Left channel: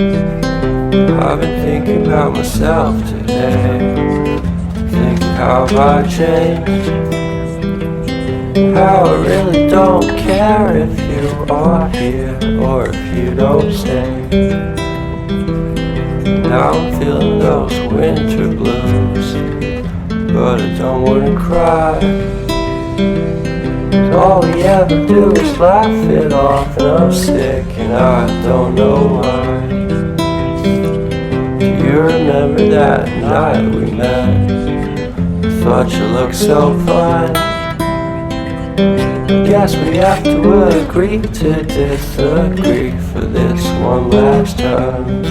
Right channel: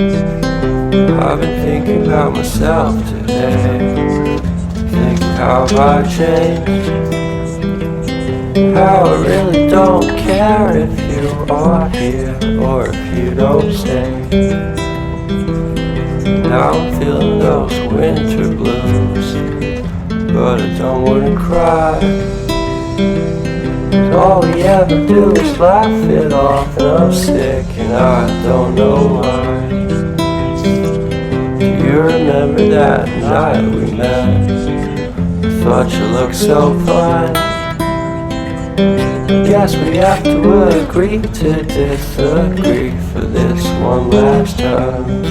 I've been thinking about myself today, thinking how I changed, how I really don't care if you are here or if you don't stay. Now I'm feeling those winter blues, but I don't wanna cry. All we ever do is laugh it off, and I'm sick and I don't know why. Do you remember that night we met? I thought you looked so fine. Guess we have to agree to disagree for this one last time.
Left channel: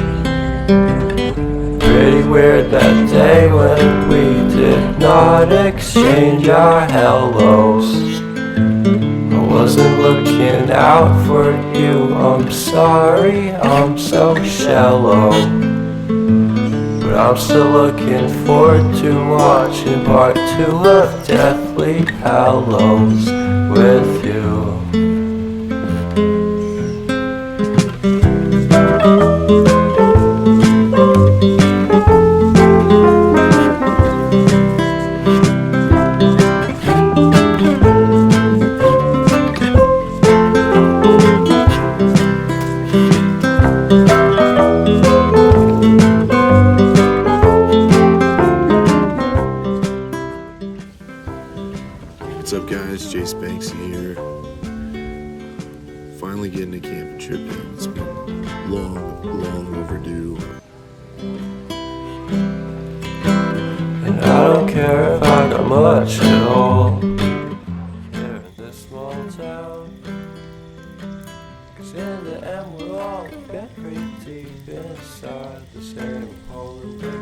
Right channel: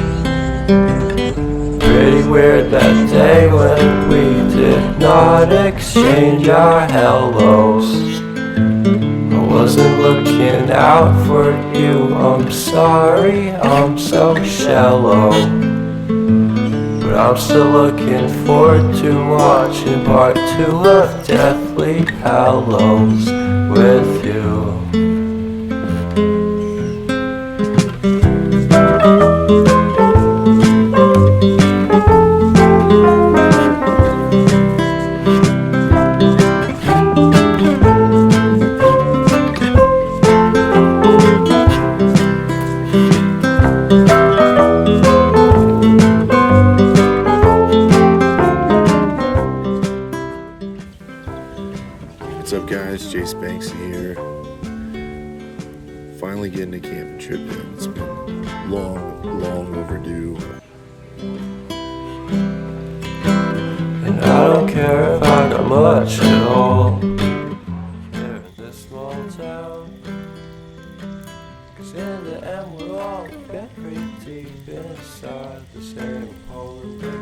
Pretty weird that day when we did not exchange our hellos. I wasn't looking out for you, I'm sorry, I'm so shallow. But I'm still looking forward to watching part 2 of Deathly Hallows with you. What's up, guys? Jace Banksy here. Finally getting a camping trip in. It's been long overdue. And I don't care if I got much at all here in this small town, 'cause in the end we're all buried deep inside the same polar bear.